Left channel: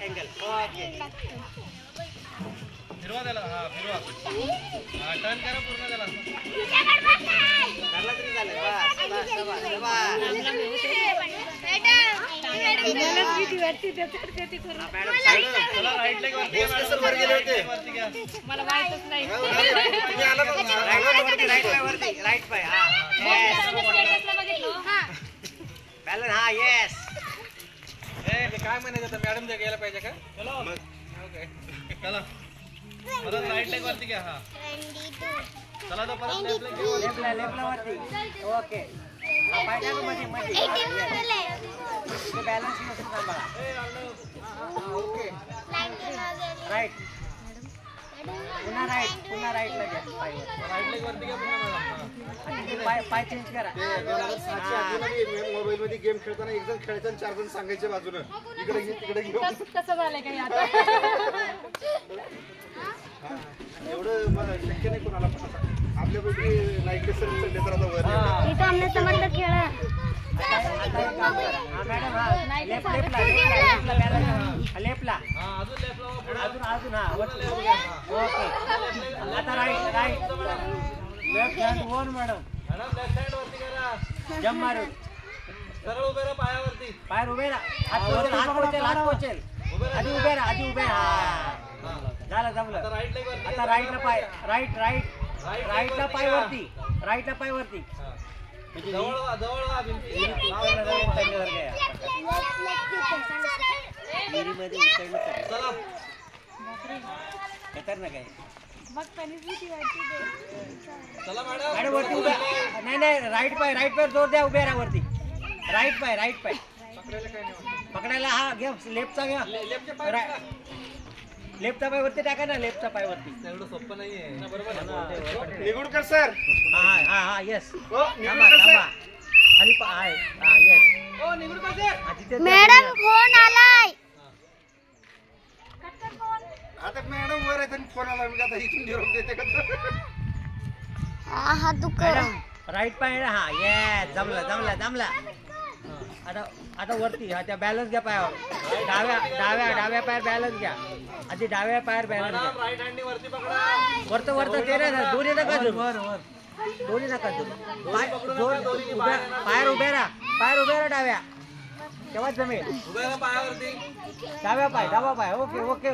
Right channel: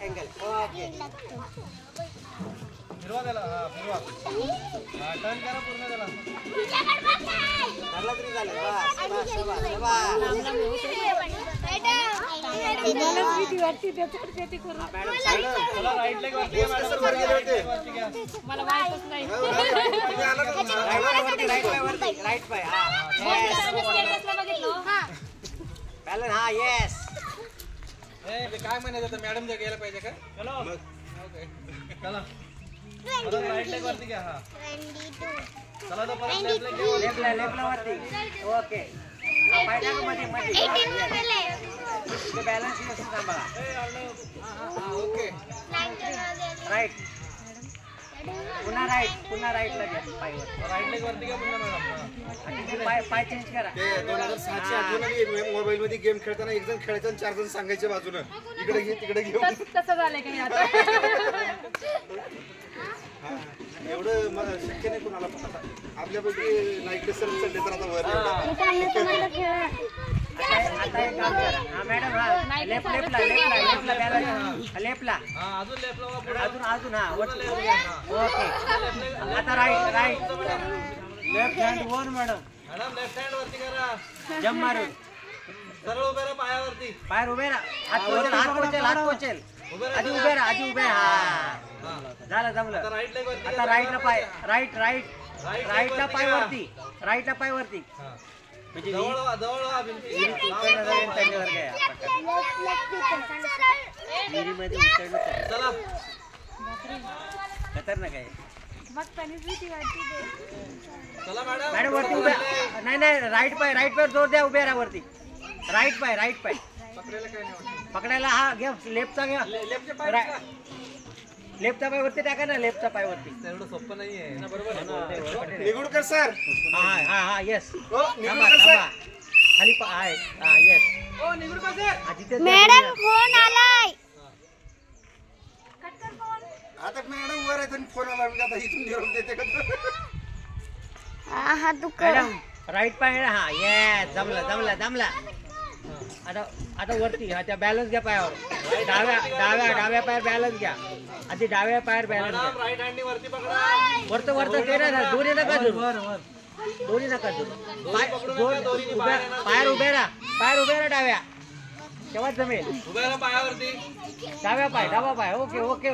angle okay फिरवा त्याला हा फिरवा टर्न करा पूर्ण त्याला तरी झालं राईट लेग वरती मला माहितच नाही राईट पाय हा बॅलन्स हा येस काय म्हणायचं मॅडम जे गेलं पाहिजे का चलो ओके चला राईट लेग वरती घ्या हा चला तो परत लेफ्ट ला वरती ओके बॅलन्स मशीन काम बघा ओके राईट पुन्हा राईट ला घ्या राईट लेग वरती घ्या पुन्हा मॅडम पाय चेंज करा मोबाईल मध्ये गेम खेळताना एक जण खेळायचं आणि 4 जण सांगायच्या बाजूने इकडे घे तिकडे घे तसं झालंय काय आता एवढं मला शक्य नाही कोणाला आपल्यापैकी नाईकडे सर चढले तर आता वर खेळा लेफ्टला अजून ओके आता राईट लेफ्ट हँड वर मॅडम लेफ्ट हँड वरती करा जंप मारू सरळ उभे राहा पायावरती पाय उभे राहा हात पोचेल आधी उभे राहा झालं जमलं आता राईटला पाय राईटला पाय वरती खतरनाक आहे मॅडम वरती उभ्या नाही राईट पाय जोर द्या उभे राहा वरती राईट पाय पकडायला हा घ्या लेफ्टचा घ्या लेफ्टचा पाय वरती टाका ना लेफ्टचा पाय वरती एवढं सोपं नाहीये निगुडकर सर हा येस खाली आहे हा येस मॅडम फोन आलाय आता मॅडम वर आहे फोन आला आता इथून निरोप देते का हा दुख राईट पाय हा येस जमला आता वरती हा त्या बॅलन्स घ्या पायावर डाव्या पायावर बॅलन्स घ्या आधी डाव्या पायावर बॅलन्स घ्या राईट हँड वरती पकडा वरती ते ना दोन्ही नका पायावर उभे राहा डाव्या तेव्हा जमेल पायावरती डावा पाय ओके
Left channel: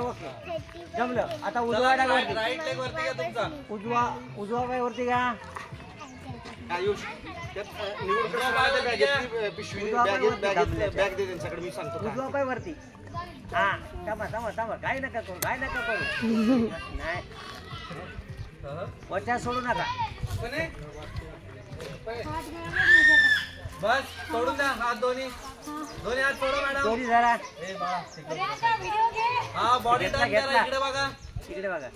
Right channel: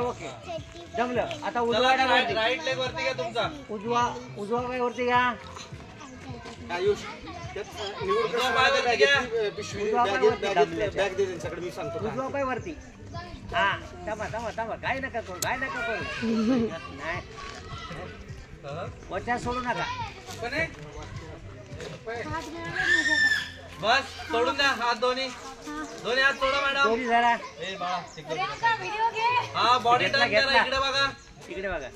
जमलं आता उजवा डाव्यावरती राईट लेग वरती घ्या तुमचा उजवा पाय वरती घ्या उजवा पाय वरती हा थांबा काय नका करू वरच्या सोडू नका बस सोडून द्या हात दोन्ही हात सोडा मॅडम दोन्ही जरा हा बॉडी टर्न करा इकडे बघा